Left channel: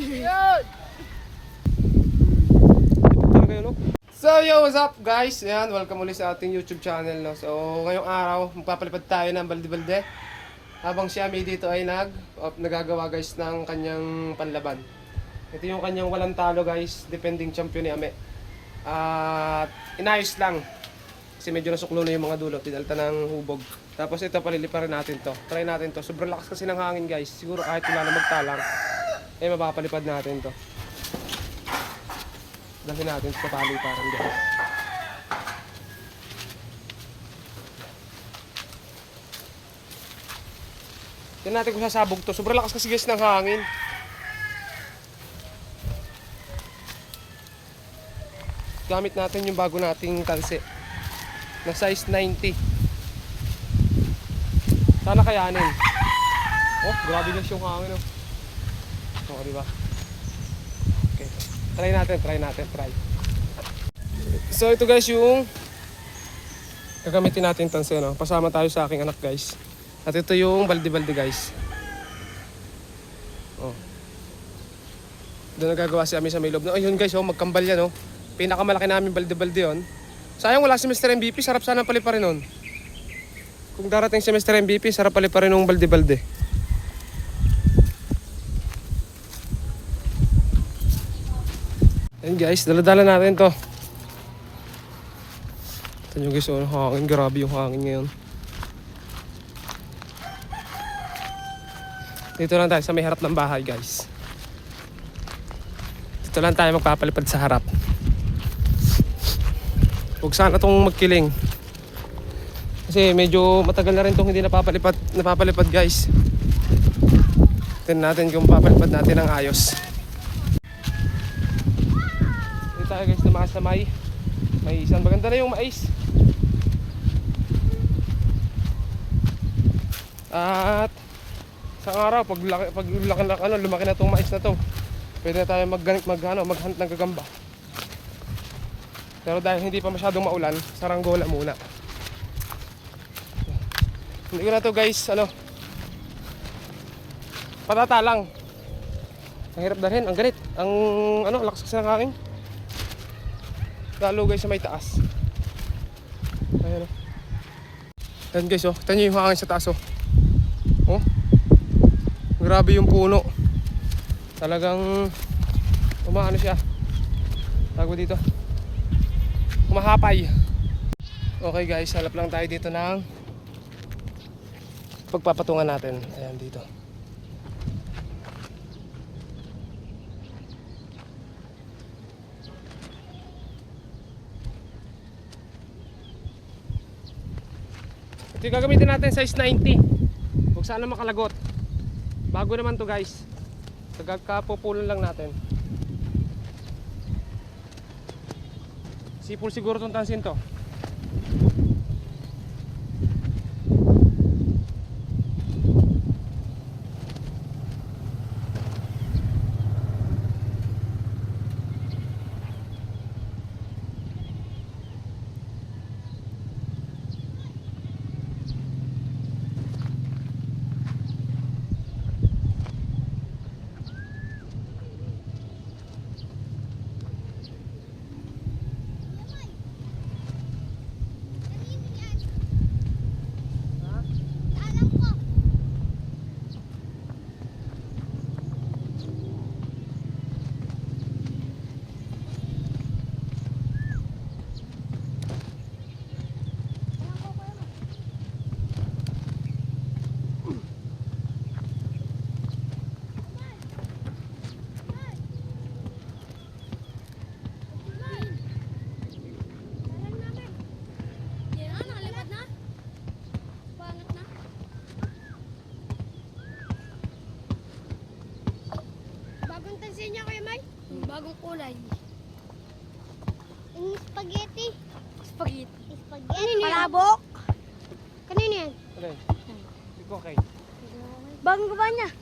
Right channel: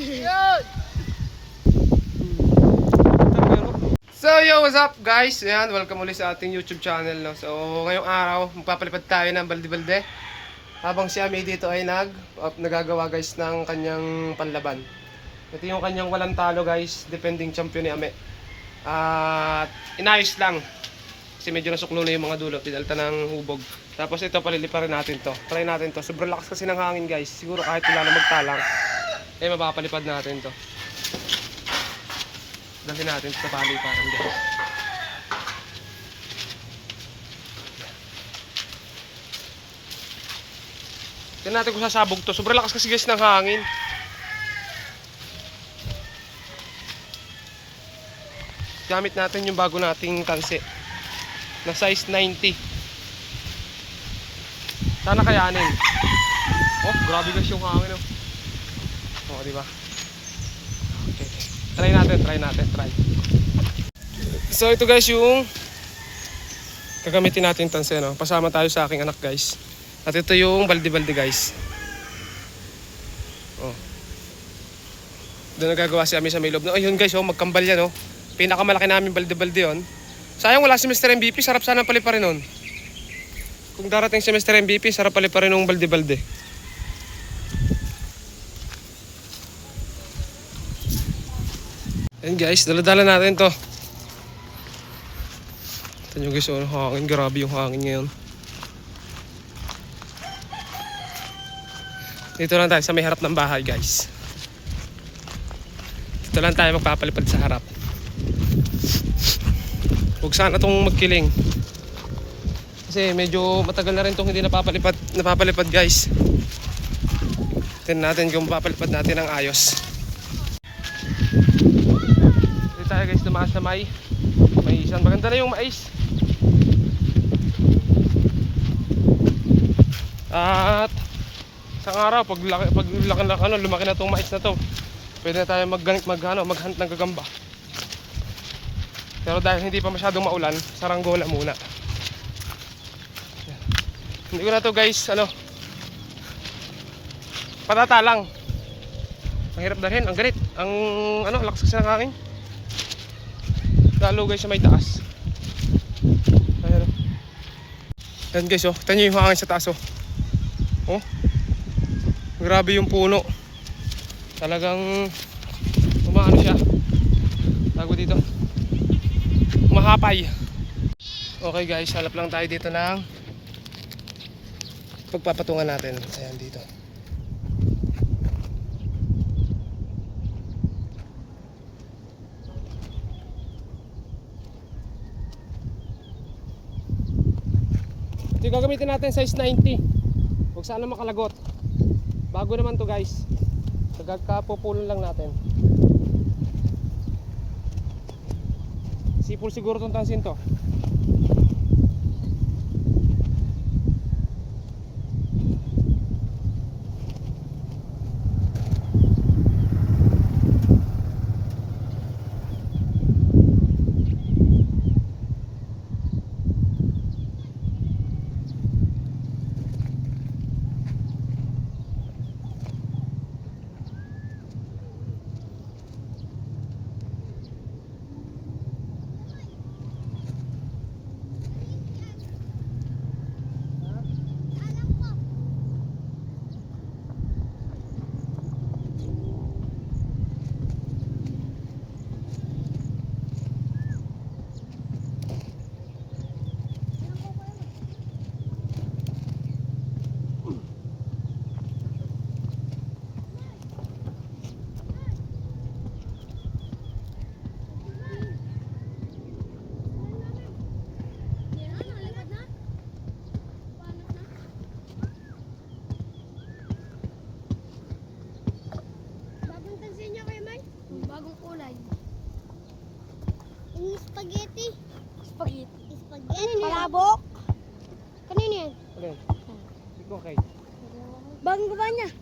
So yo, what's up guys? Ayan, welcome ulit sa ating YouTube channel, no? So ngayong araw, magpapalipad tayo ng balde-balde. Habang si Ami dito ay nagagawa guys ng kanyang panlaban. Ito yung kanyang walang talo guys, defending champion ni Ami. At inayos lang. Kasi medyo nasuklo na yung mga dulo, pinalta ng hubog. Tapos ito, paliliparin natin to. Try natin to. Sobrang lakas kasi ng hangin guys. Siguro kahit wala na magtalang, eh mapapalipad natin to. Dali natin sa paliparan guys. Tignan natin kung sasabog to. Sobrang lakas kasi guys ng hangin. Gamit natin yung bago nating tanse na size 90. Sana kayanin. Oh, grabe guys yung hangin, oh. Oh, di ba? Okay. Try natin. So ito guys yung gagamitin natin tanse, no. Pasama tayo sa aking anak guys. At ito yung balde-balde guys. Oh. Doon nagagawa si Ami sa may loob. No, ayun guys, oh, magkambal yan, oh. Pinakamalaki namin balde-balde yon. Sayang wala si Mr. MVP, sarap sana paliparin nun. Kung darating si Mr. MVP, sarap paliparin ng balde-balde. Ayan guys, dala-dala natin to. Ito nyo guys, oh, hangin, grabe yung hangin ngayon. Dito lang tayo sa may harap ng bahay guys. Dito lang tayo magpapalipad sa harap. Huwag sana itong magkiling. Kasi medyo matagal na rin itong hindi napapalipad guys. Tignan natin kung papalipad natin ng ayos. Dito tayo guys, tumaas na may isang maganda na yung mais. At sa araw, pag lumaki na itong mais na to, pwede na tayo maghunt ng gagamba. Pero dahil hindi pa masyadong maulan, saranggola muna. Hindi ko na to guys, patata lang. Ang hirap dalhin, ang galit. Ang lakas kasi ng hangin. Lalo guys sa may taas. Ayan, oh. Ayan guys, oh. Tignan nyo yung hangin sa taas, oh. Oh. Grabe yung puno. Talagang umaano siya. Tago dito. Mahapay. Okay guys, halap lang tayo dito ng pagpapatungan natin. Ayan dito. Ito yung gagamitin natin, size 90. Huwag sana makalagot. Bago naman to guys. Nagkakapupulan lang natin. Sipol siguro itong tansin to. Spaghetti. Palabok. Kanino yan? Alin? Ito okay. Bagong gawa niya.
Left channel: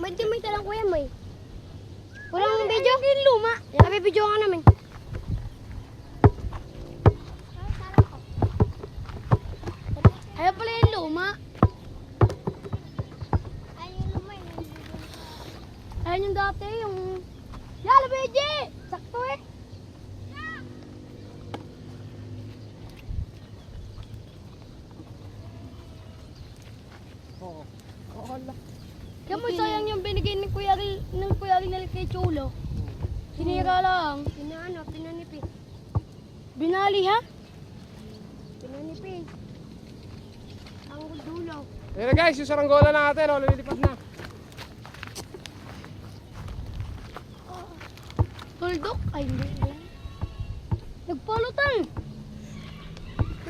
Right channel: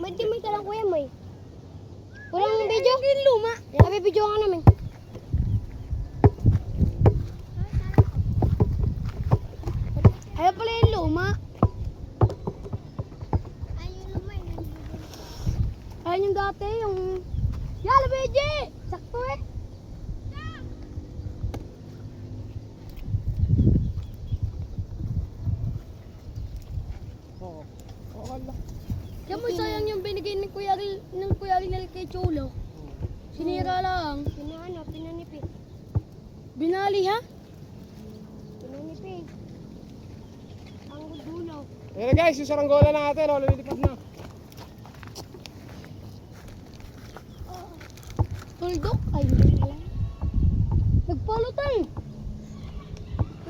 May talang kuya, may. Walang video? Hindi luma. Sabi video ka namin. Ayaw pala yung luma. Ayun naman. Ayun yung dati, yung... Yala, Beji! Sakto eh. Oo. Oo, hala. Kaya mo sayang yung binigay ni Kuya Rinel kay Cholo. Sinira lang. Pinanipis. Binali ha? Pinanipis. Ang dulo. Ayun na guys, yung saranggola natin, oh, lumilipad na. Tuldok? Ay, hindi lang. Nagpalutang.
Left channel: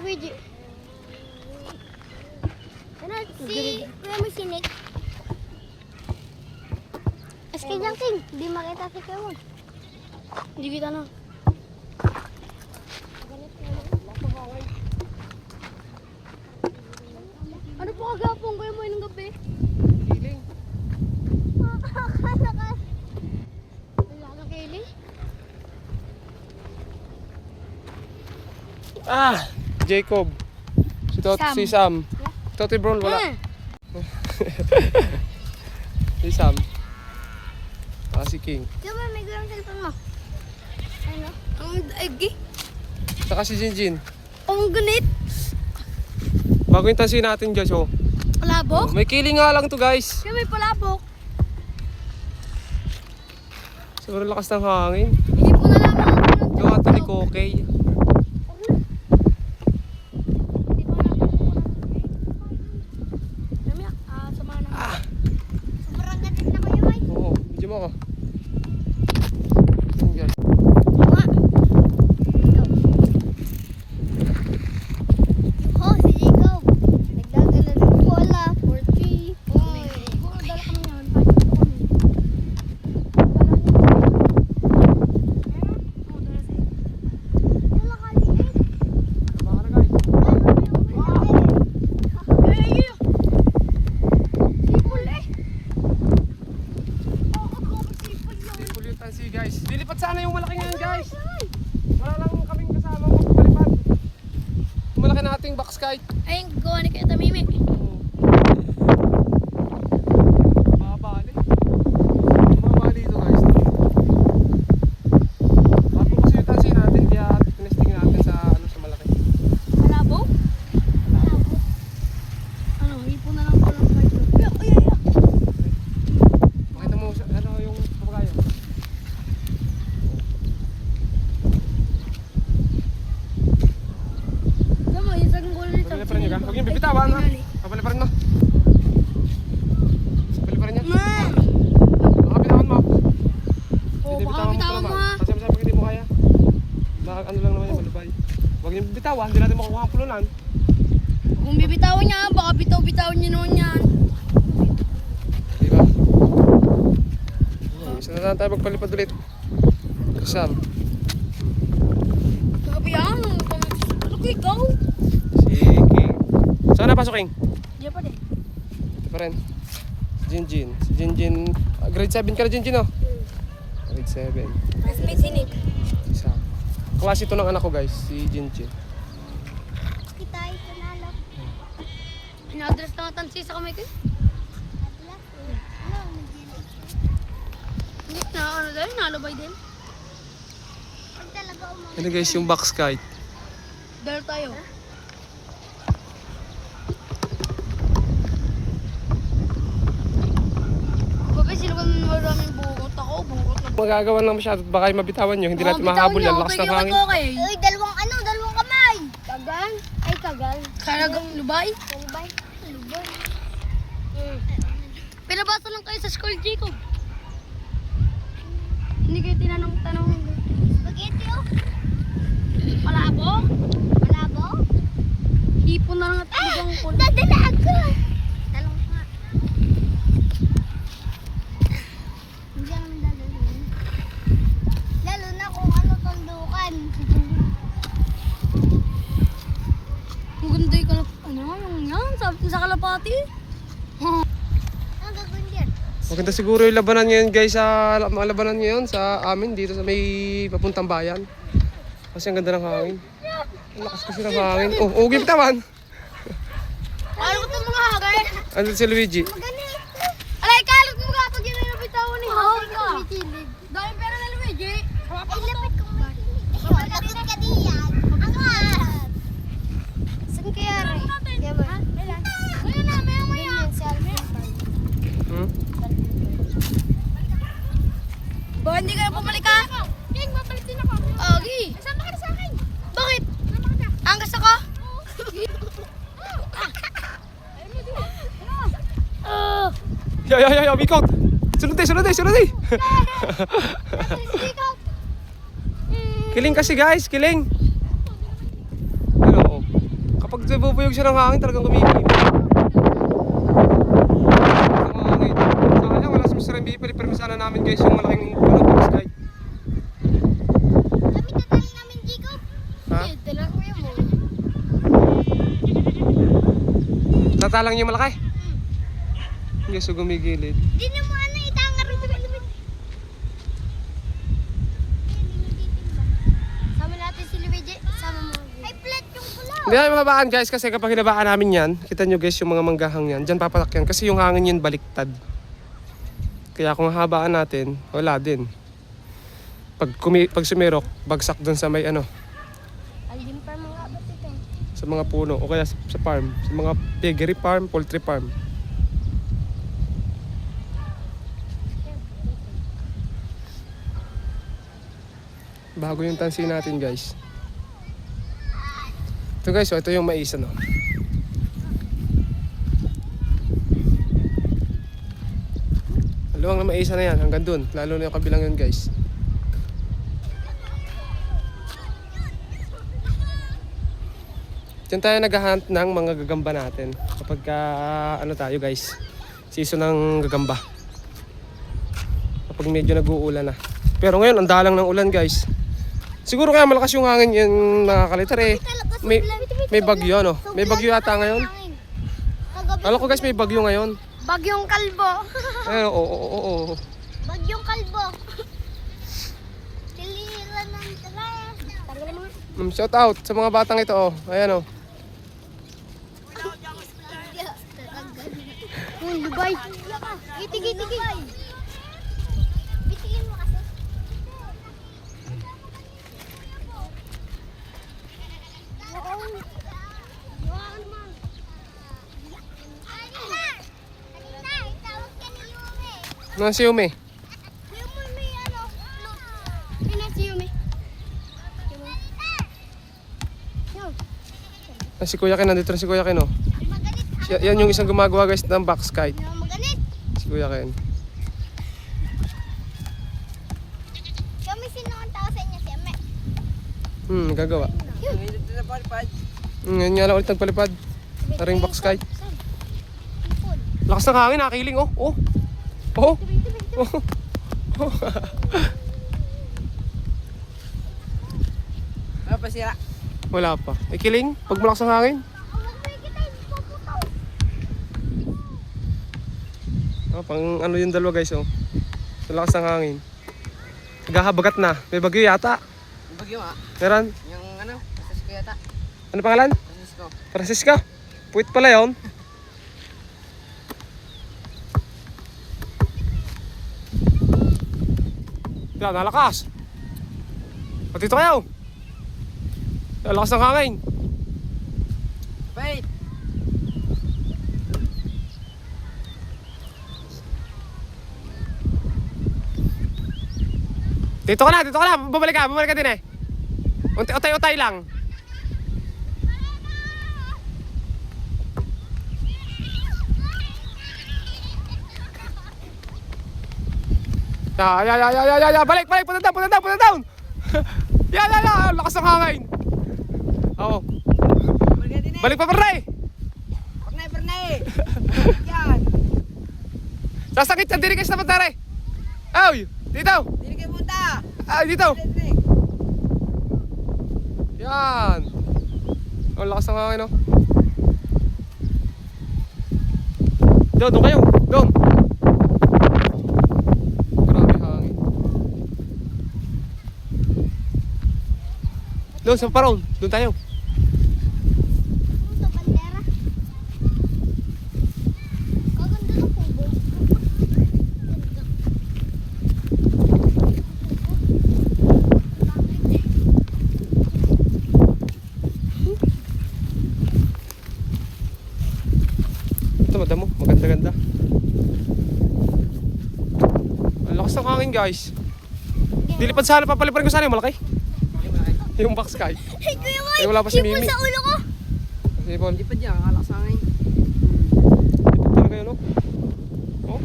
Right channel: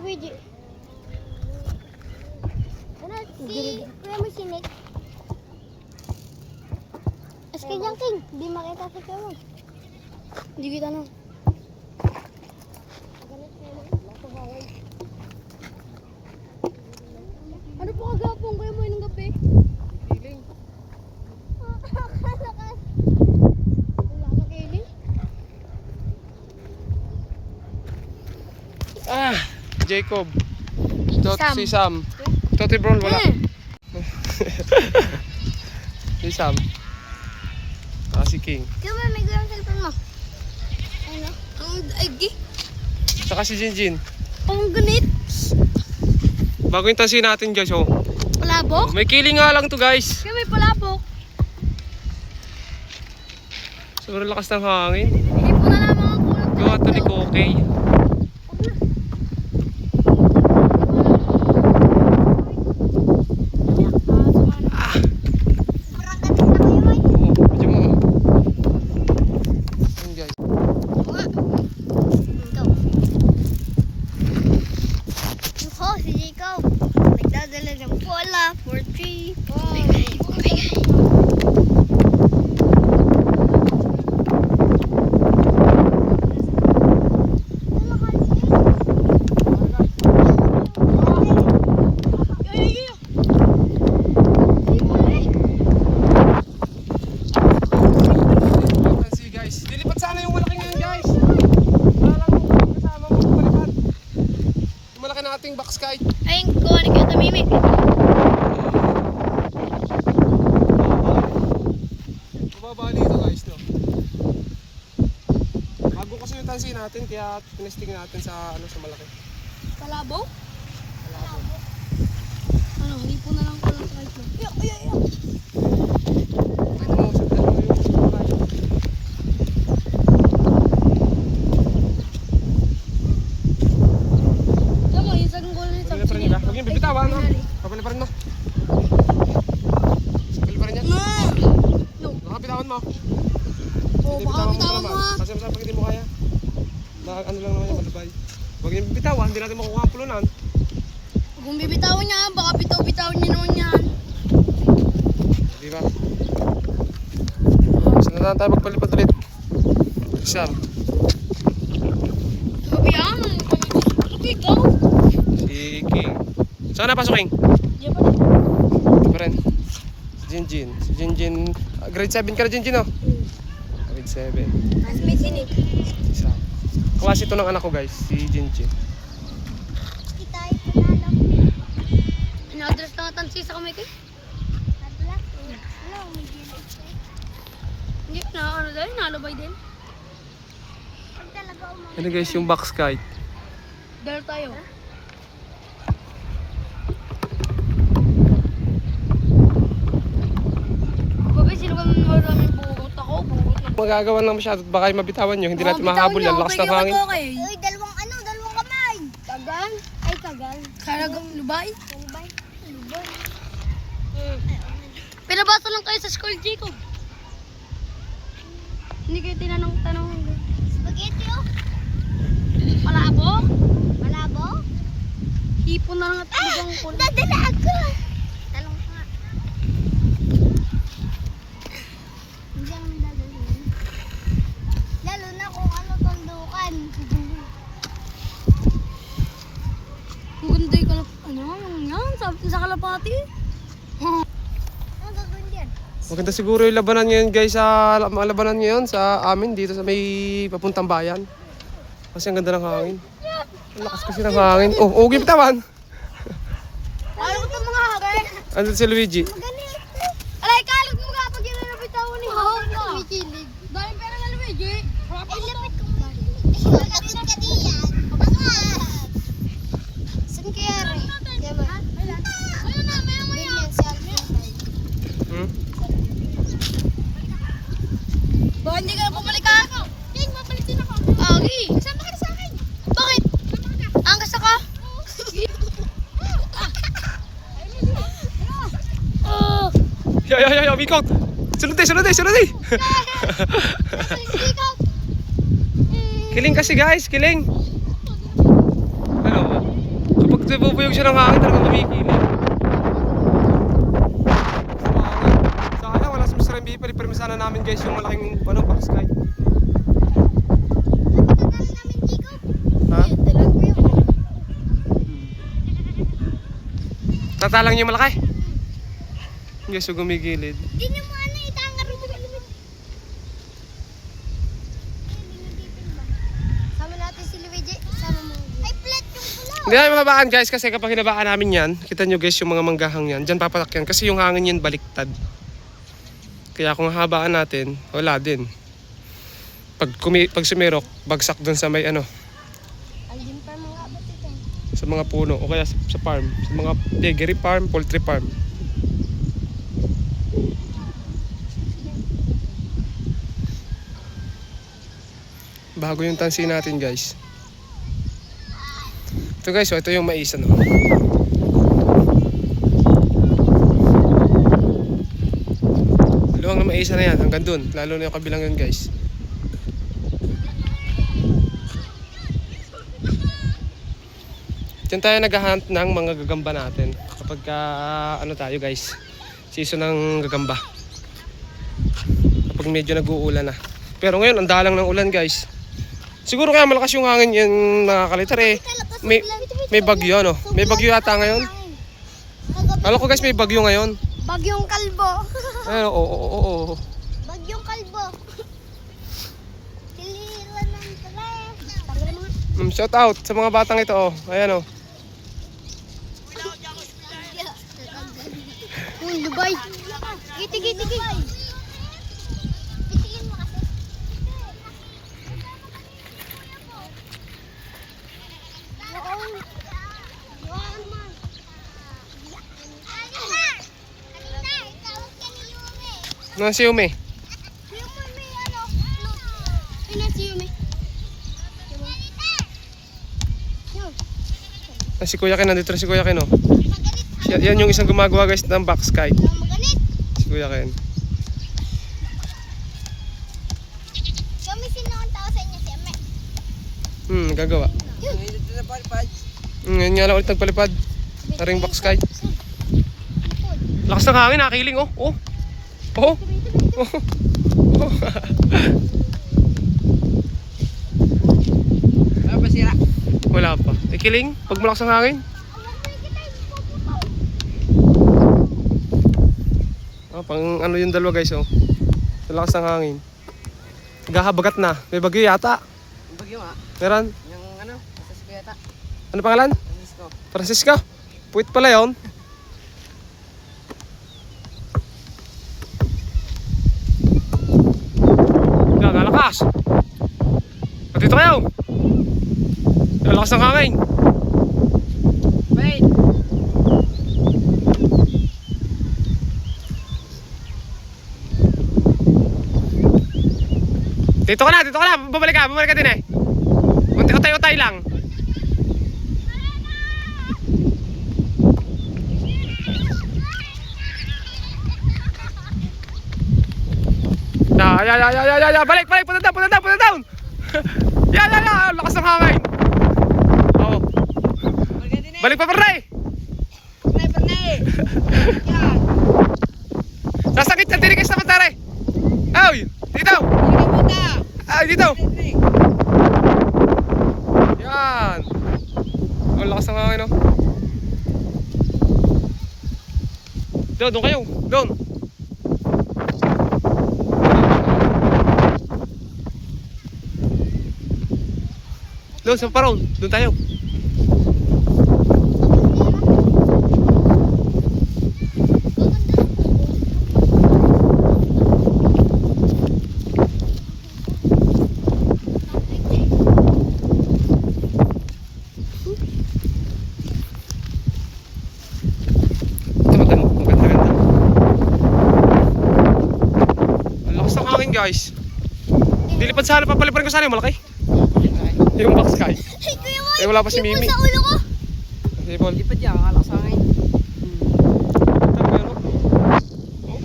Luigi. Ano si... Kuya mo sinik. Eske dyan, King. Hindi makita si Kuya mo. Hindi kita na. Ganit Kuya mo. Ano po kagapong Kuya mo ng gabi? Kiling. Akala ka. Wala ka kailing? Ah, Jacob. Si Sam. Toti Brown, wala. Si Sam. Si King. Kuya mo, may gulang cellphone mo. Ano? Ay, Saka si Jinjin. ang gunit. Bago yung tansin natin guys, oh. Palabok? May kiling nga lang to guys. Kaya may palabok. Sobrang lakas ng hangin. Hindi po na naman ako ng Gawa to ni Kokey. Ah! Oo, medyo mo. Yun guys. Ako, si Jacob. Nagdadala ng cola for 3. Tansi guys. Dilipat sana yung malaki ngayon guys. Wala lang yung kasama mo palipad. Yung malaki nating box kite. Ayun, kuha ni Kuya Tamimi. Bumaba dito guys. Bago kasi yung tansi natin, kaya tinesting natin sa malaki. palabok? Ano, hindi po na lang pala sa ito. Pakita mo sa yung kumakain. Tama, yung isang gulo nito. Paliparin niya. Huwag yung bibitawan ha. Papaliparin mo. Paliparin niya. Baka bitawan mo. Hindi baka bitawan mo, ha. Kasi masama hindi mo kaya. Ano lang naman yung malubay. Huwag yung bibitawan, hindi natin makuha ang pulunan. Kung bibitawan niya, baka bitaw-bitawan niya naman yan. Di ba? Saan na lang tayo magpalipad ulit? Sam, Sabi yan, ano ko ikaw? si King. Saan na pasok King? Diyan pa din. Ito pa rin. Si Jinjin. Si Jinjin. Grade 7 ka na Jinjin oh? Grade 7. Mas may sinik. Si Sam. Klase ito ng anak ko guys, si Jinjin. Kita ay pinalak. Inadres na tansi sa kamay ko. Hindi na, ano dahil, nalabay din. Pag talaga umang. Ano guys, yung box kite. Dahil tayo. Babe, sino ba maraming burot ako? Burot na. Magagawa lang masyado at baka mabitawan nyo. Hindi natin mahabol yan. Lakas ng hangin. Uy, dalawang kamay. Kagal? Ay, kagal. Karagang lubay? Lubay. Lubay. Pinabasa lang kayo sa school, Jacob. Hindi kayo tinanong-tanong. Spaghetti oh. Palabo? Malabo. Hipon na lang at bigang ko. Dadala ako. Talong nga. Hindi ako dadalhin. Lalo na kung ano tundukan. Ang ganda yung kalap... Ano? Yung yan? Sabi sa kalapati? Ang gagawin dyan? Maganda siguro yung labanan ngayon guys sa mga labanan ngayon sa amin dito sa may papuntang bayan. Kasi ang ganda ng hangin. Ang lakas kasi ng hangin. Oh, bitawan. Ano ito mga hagay? Andun si Luigi. Magaling. Alay, kalat mo kapag yun ay nabitawan ni Hawal ka. Ilapit ko man. Bakit ka diyan? Bakit? Saan kaya rin? Yaman. Ayun na, maya-maya. Hmm? Ba, hindi ka na pabalik ka? King, mabalik din ako. Okay. Sama ka na sa akin. Bakit? Angkas ako? Yo, Bikot! Sunod eh! Kiling kasi guys, kiling! Ano? Kapag nabubuyog siya ng hangin, talagang kumikili. Sayang, wala sa Mr. MB, palipermi sana namin guys yung malaking balong sky. Ha? Tatalang yung malaki? Guys, so gumigilid. Di na mo ano itanga rin sa lumit. Sama natin si Luigi. Sama mo. Ay, flat yung pula. Hindi namin mababaan guys kasi kapag hinabaan namin yan, kita nyo guys yung mga manggahang yan, dyan papatak yan kasi yung hangin yan baliktad. Kaya kung habaan natin, wala din. Pag sumirok, bagsak dun sa may ano, Alin pa mga abat ito. sa mga puno o kaya sa farm, sa mga piggery farm, poultry farm. Bago yung tansi natin guys. Ito guys, so ito yung mais ano. Luwang na mais na yan hanggang dun, lalo na yung kabilang yun guys. Diyan tayo naghahunt ng mga gagamba natin kapag ano tayo guys, season ng gagamba. Kapag medyo nag-uulan na. Pero ngayon ang dalang ng ulan guys. Siguro kaya malakas yung hangin yung nakakalitar eh. May bagyo ano? May bagyo yata ngayon. Alam ko guys may bagyo ngayon. Bagyong kalbo. Ayun, oo. Bagyong kalbo. Tiliran ng tres. Tanggal mga. Shout out sa mga batang ito oh. Ayan oh. Lugay. Giti. Bitigin mo kasi. Ano si Yume? Ah, si Kuya Ken, nandito na si Kuya Ken oh. Yan yung isang gumagawa guys ng box kite. Si Kuya Ken. Kami sino ang tao sa inyo, si Ame? Gagawa. Ngayon nga lang ulit nagpalipad. Aring box kite. Lakas ng hangin, nakiling oh. Oh. Ano ba siya? Wala pa. Ikiling, pag malakas ng hangin. Pang ano yung dalawa guys oh. Malakas ng hangin. Naghahabagat na. May bagyo yata. Bagyo nga. Meron? Yung ano, Francisco yata. Ano pangalan? Francisco. Francisco. Puwit pala yun. Nalakas. Dito kayo. Nalakas ng hangin. Wait! Dito ka na. Bumalik ka din eh. Utay lang. Ya, balik, punta down. Ya, lakas ng hangin. Oo. Balik pa pare. Pernay! Yan! Sasakit sa diri sa pantare. Ay, dito. Ay, dito. Yan. Ang lakas ng hangin, no? Doon kayo. Doon. Doon sa parong. Doon tayo. lakas ng hangin guys. Dilipad sana, papaliparin ko sana yung malaki. Yung box sky. Ay, Kuya Boy! Eh, wala pa si sipon Mimi. sa ulo ko! Okay, Paul. Lipad yan, makalak sa akin. Pero, oh.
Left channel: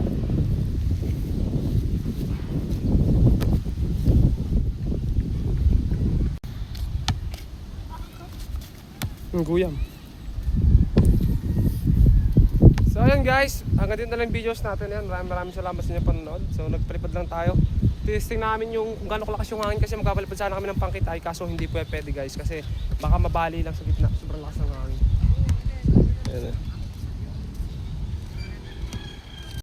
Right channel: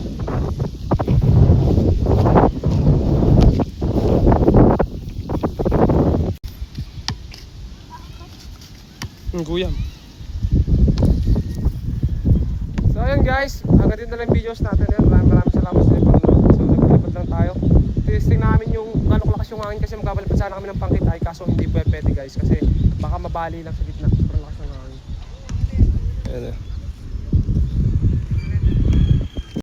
Ang guyam. So ayun guys, hanggang dito na lang videos natin yan. Maraming salamat sa inyo panonood. So nagpalipad lang tayo. Testing namin yung gano'ng kalakas yung hangin kasi magpapalipad sana kami ng pangkitay kaso hindi pwede guys kasi baka mabali lang sa gitna. Sobrang lakas ng hangin. Ayan.